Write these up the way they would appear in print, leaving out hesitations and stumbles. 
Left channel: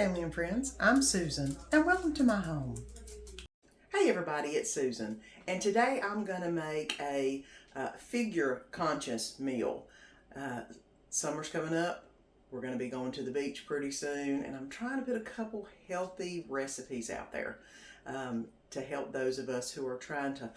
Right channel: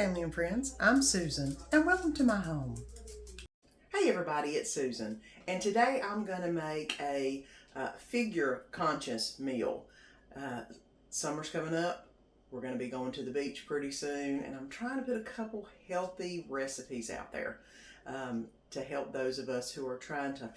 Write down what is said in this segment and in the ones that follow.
family and friends, I'm Susan and welcome to my home. Hey everybody, it's Susan and today I'm going to make a figure conscious meal. Summer's coming up, we're going to be going to the beach pretty soon and I'm trying to put a couple healthy recipes out there to help those of us who are trying to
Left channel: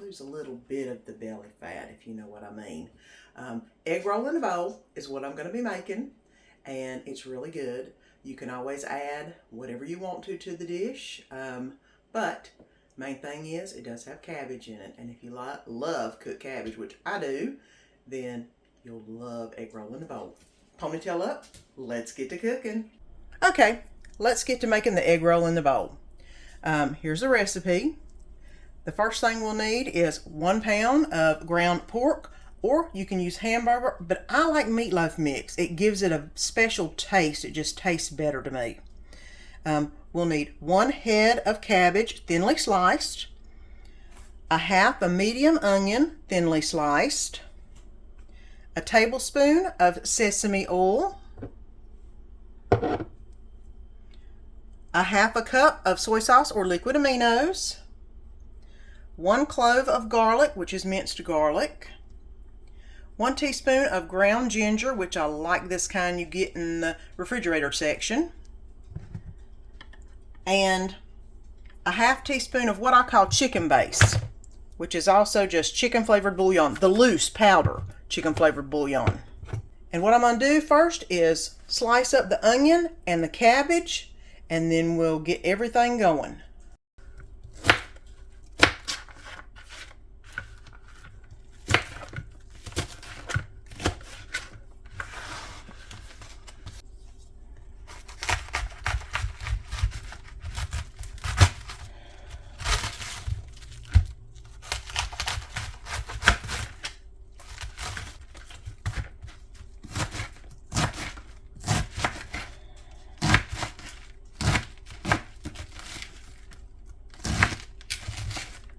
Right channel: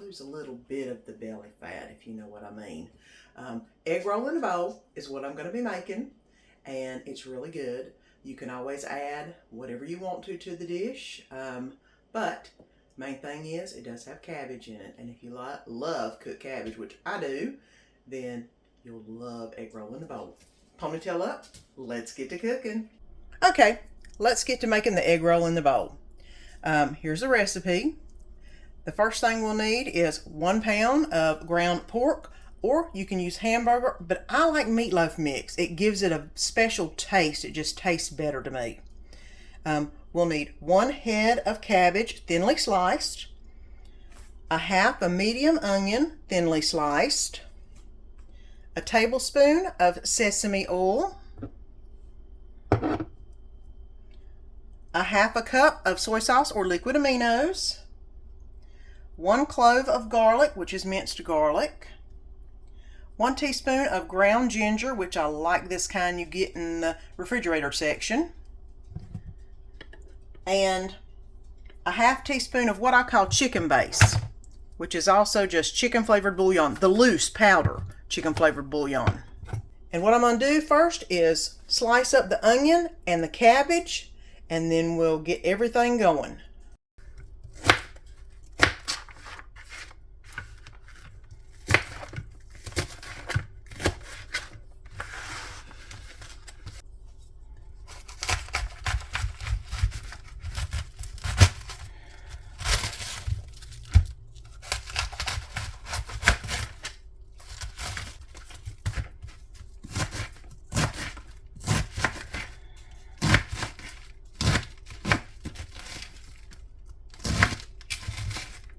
lose a little bit of the belly fat, if you know what I mean. Egg roll in a bowl is what I'm going to be making, and it's really good. You can always add whatever you want to the dish, but main thing is it does have cabbage in it, and if you love cooked cabbage, which I do, then you'll love egg roll in a bowl. Ponytail up, let's get to cooking. Okay, let's get to making the egg roll in the bowl. Here's the recipe. The first thing we'll need is 1 pound of ground pork, or you can use hamburger, but I like meatloaf mix. It gives it a special taste. It just tastes better to me. We'll need 1 head of cabbage, thinly sliced, a half a medium onion, thinly sliced, a tablespoon of sesame oil, a half a cup of soy sauce or liquid aminos, 1 clove of garlic, which is minced garlic, 1 teaspoon of ground ginger, which I like this kind you get in the refrigerator section, and a half teaspoon of what I call chicken base, which is also just chicken flavored bouillon, the loose powder chicken flavored bouillon. And what I'm going to do first is slice up the onion and the cabbage, and then we'll get everything going.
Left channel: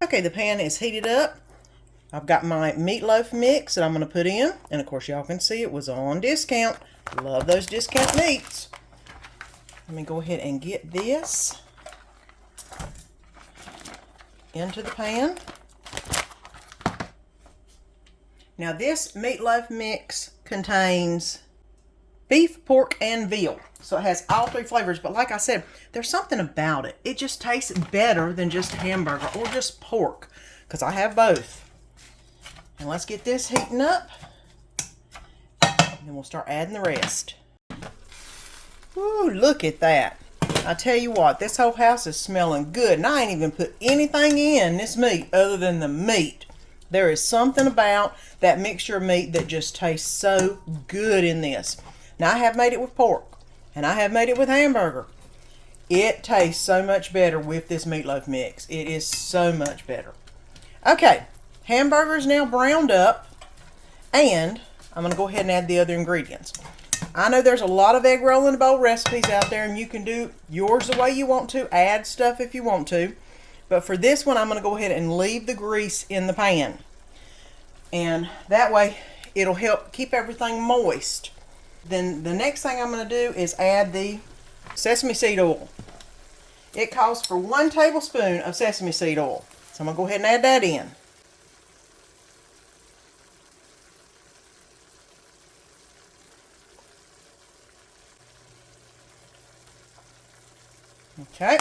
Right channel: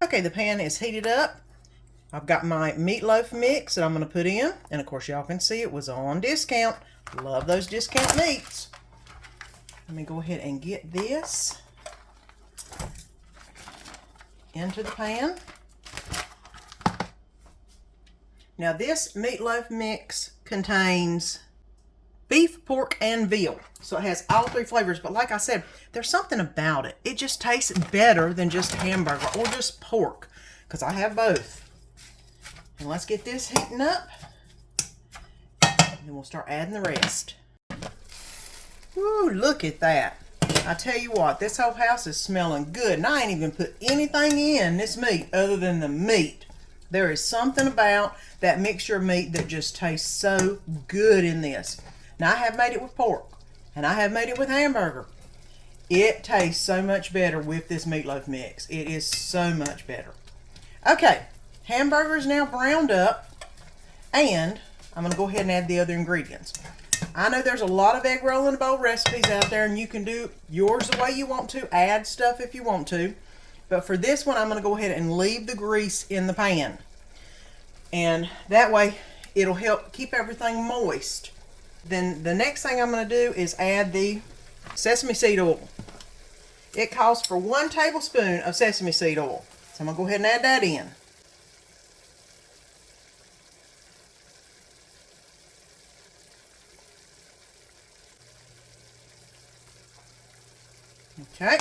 Okay, the pan is heated up. I've got my meatloaf mix that I'm going to put in. And of course, y'all can see it was on discount. Love those discount meats. Let me go ahead and get this into the pan. Now this meatloaf mix contains beef, pork, and veal. So it has all 3 flavors, but like I said, there's something about it. It just tastes better than just hamburger or just pork, because I have both. And let's get this heating up, and then we'll start adding the rest. Woo, look at that. I tell you what, this whole house is smelling good, and I ain't even put anything in this meat other than the meat. There is something about that mixture of meat that just tastes so good in this. Now, I have made it with pork, and I have made it with hamburger. It tastes so much better with this meatloaf mix. It is so much better. Okay, hamburger is now browned up, and I'm going to go ahead and add the other ingredients. I know there's a lot of egg roll in a bowl recipes out there, and you can do yours the way you want to, add stuff if you want to. But for this one, I'm going to go ahead and leave the grease in the pan. And that way, it'll help keep everything moist. Then the next thing I'm going to do is add the sesame seed oil. It calls for 1 tablespoon of sesame seed oil. So I'm going to go ahead and add that in. Okay.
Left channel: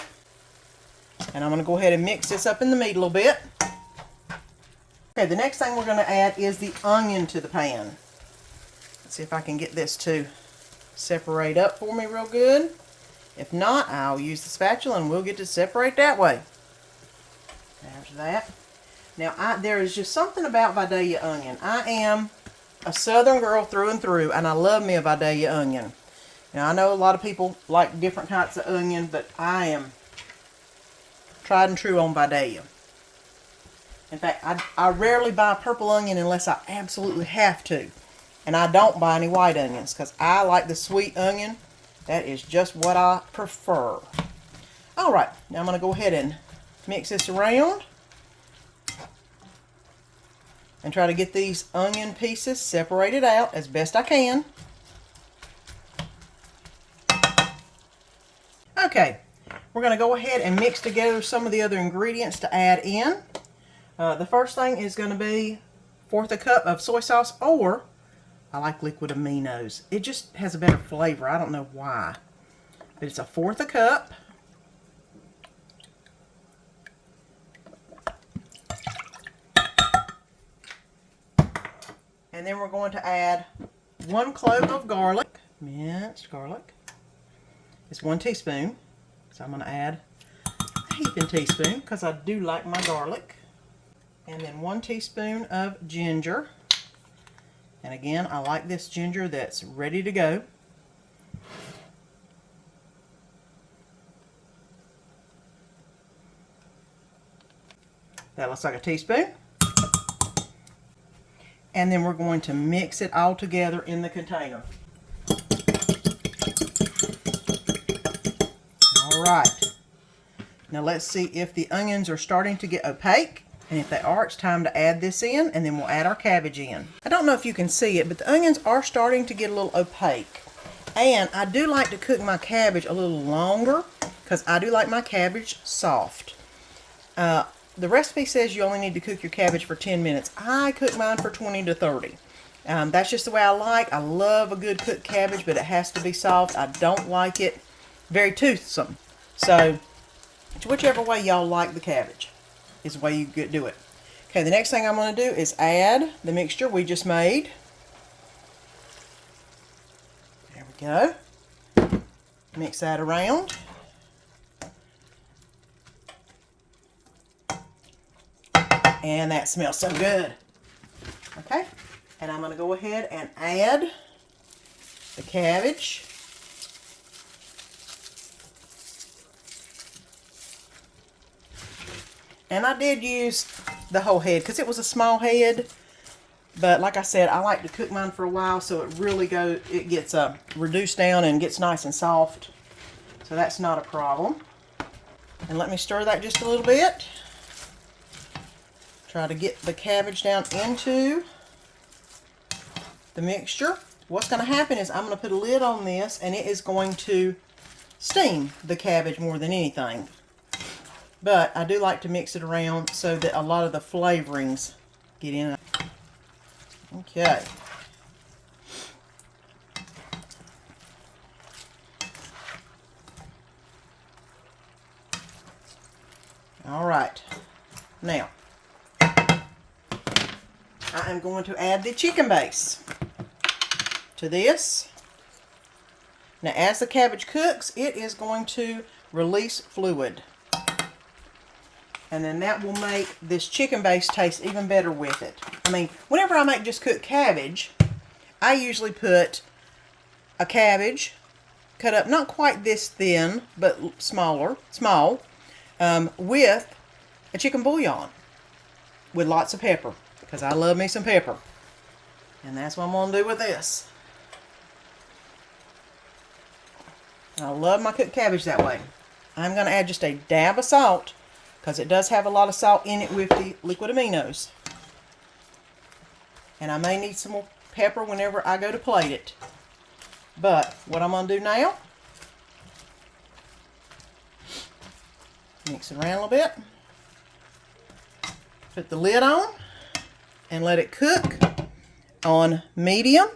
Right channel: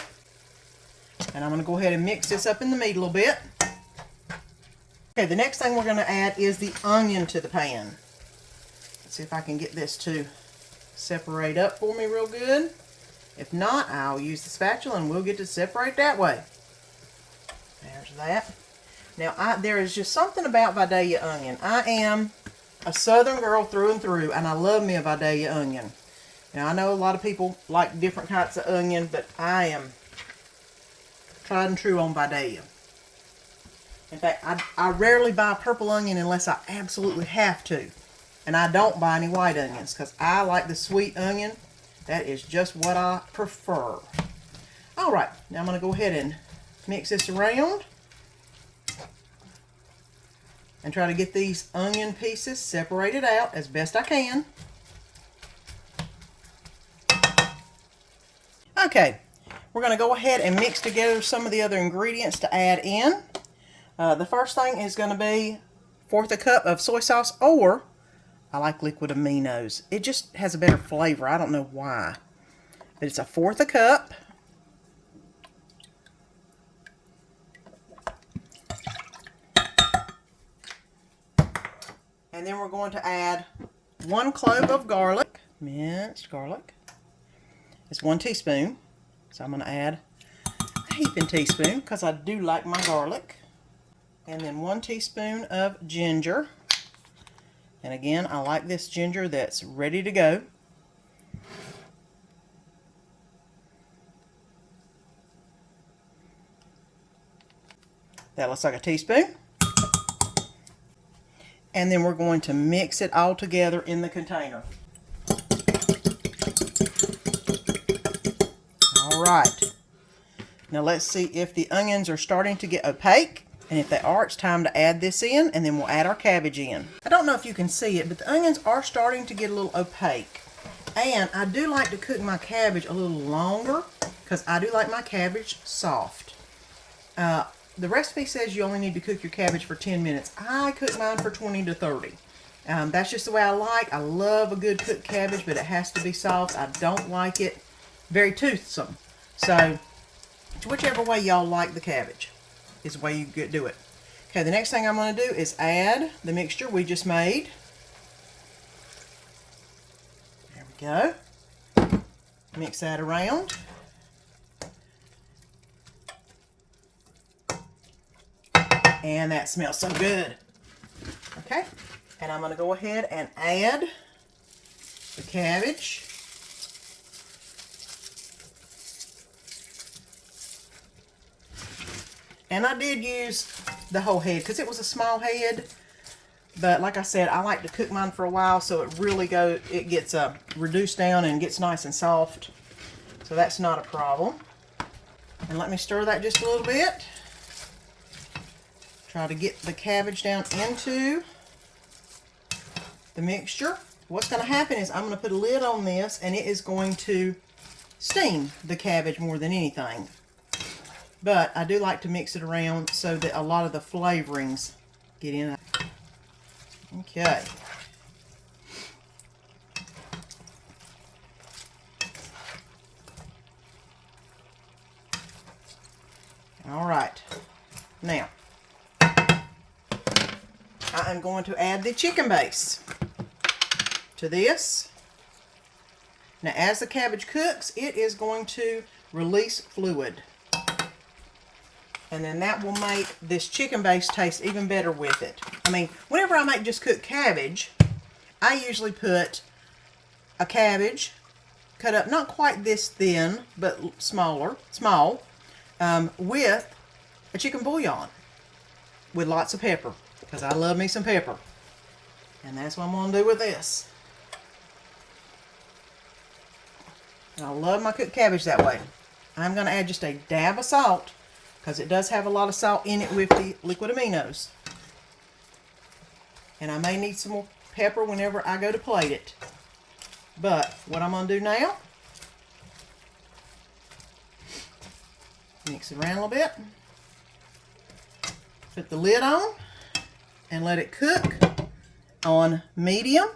And I'm going to go ahead and mix this up in the meat a little bit. Okay, the next thing we're going to add is the onion to the pan. Let's see if I can get this to separate up for me real good. If not, I'll use the spatula and we'll get to separate that way. There's that. Now, there is just something about Vidalia onion. I am a southern girl through and through, and I love me a Vidalia onion. Now, I know a lot of people like different kinds of onion, but I am tried and true on Vidalia. In fact, I rarely buy purple onion unless I absolutely have to. And I don't buy any white onions because I like the sweet onion. That is just what I prefer. All right, now I'm going to go ahead and mix this around and try to get these onion pieces separated out as best I can. Okay, we're going to go ahead and mix together some of the other ingredients to add in. The first thing is going to be 1/4 cup of soy sauce, or I like liquid aminos. It just has a better flavor. I don't know why, but it's a 1/4 cup. And then we're going to add 1 clove of garlic, minced garlic. It's 1 teaspoon. So I'm going to add a heaping teaspoon because I do like my garlic. And then 1 teaspoon of ginger. And again, I like this ginger that's ready to go. That looks like a teaspoon. And then we're going to mix it all together in the container. All right. Now let's see if the onions are starting to get opaque. And if they are, it's time to add this in, and then we'll add our cabbage in. I don't know if you can see it, but the onions are starting to get a little opaque. And I do like to cook my cabbage a little longer because I do like my cabbage soft. The recipe says you only need to cook your cabbage for 10 minutes. I cook mine for 20 to 30. That's just the way I like. I love a good cooked cabbage, but it has to be soft. I don't like it very toothsome. So, whichever way y'all like the cabbage is the way you do it. Okay, the next thing I'm going to do is add the mixture we just made. There we go. Mix that around. And that smells so good. Okay, and I'm going to go ahead and add the cabbage. And I did use the whole head because it was a small head. But like I said, I like to cook mine for a while so it really gets reduced down and gets nice and soft. So that's not a problem. And let me stir that just a little bit. Try to get the cabbage down into the mixture. What's going to happen is I'm going to put a lid on this, and it is going to steam the cabbage more than anything. But I do like to mix it around so that a lot of the flavorings get in. Okay. All right. Now, I am going to add the chicken base to this. Now, as the cabbage cooks, it is going to release fluid. And then that will make this chicken base taste even better with it. I mean, whenever I make just cooked cabbage, I usually put a cabbage cut up not quite this thin, but small, with a chicken bouillon with lots of pepper, because I love me some pepper. And that's what I'm going to do with this. I love my cooked cabbage that way. I'm going to add just a dab of salt, because it does have a lot of salt in it with the liquid aminos. And I may need some more pepper whenever I go to plate it. But what I'm going to do now, mix it around a little bit, put the lid on, and let it cook on medium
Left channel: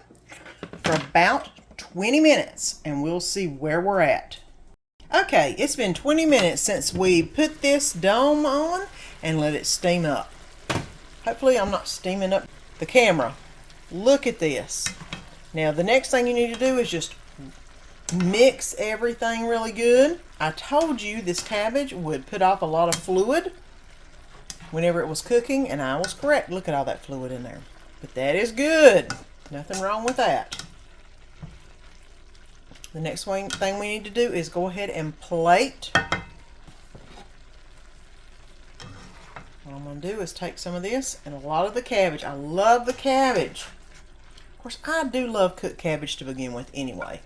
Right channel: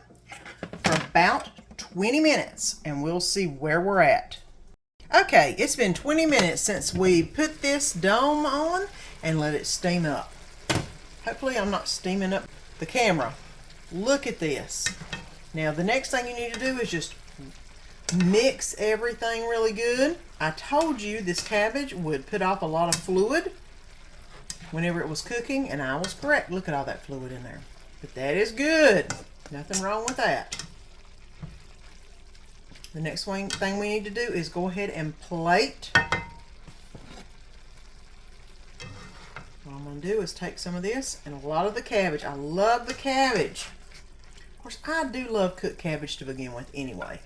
for about 20 minutes, and we'll see where we're at. Okay, it's been 20 minutes since we put this dome on and let it steam up. Hopefully I'm not steaming up the camera. Look at this. Now the next thing you need to do is just mix everything really good. I told you this cabbage would put off a lot of fluid whenever it was cooking, and I was correct. Look at all that fluid in there. But that is good. Nothing wrong with that. The next thing we need to do is go ahead and plate. What I'm going to do is take some of this and a lot of the cabbage. I love the cabbage. Of course, I do love cooked cabbage to begin with anyway.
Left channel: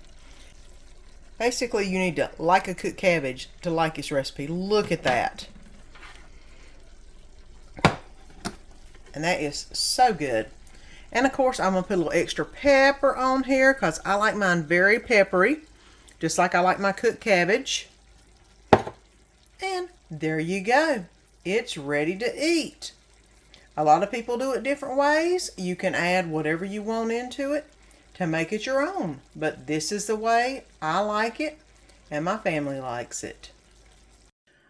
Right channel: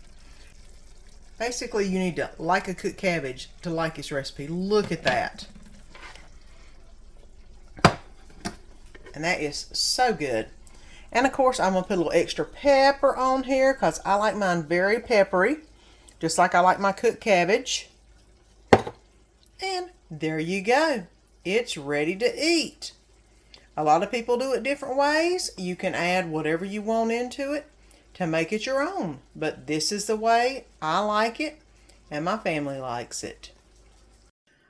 Basically, you need to like a cooked cabbage to like this recipe. Look at that. And that is so good. And of course, I'm going to put a little extra pepper on here because I like mine very peppery, just like I like my cooked cabbage. And there you go. It's ready to eat. A lot of people do it different ways. You can add whatever you want into it to make it your own. But this is the way I like it and my family likes it.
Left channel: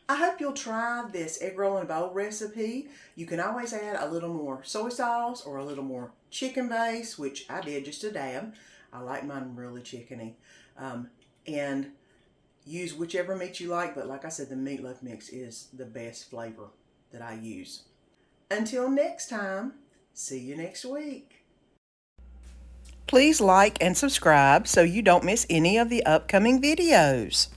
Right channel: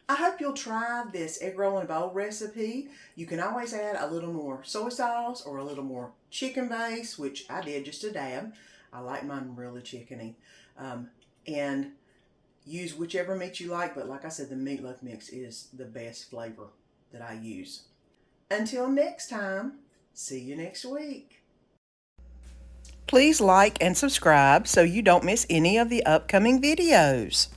I hope you'll try this egg roll in a bowl recipe. You can always add a little more soy sauce or a little more chicken base, which I did just a dab. I like mine really chickeny. And use whichever meat you like, but like I said, the meatloaf mix is the best flavor that I use. Until next time, see you next week. Please like and subscribe so you don't miss any of the upcoming videos.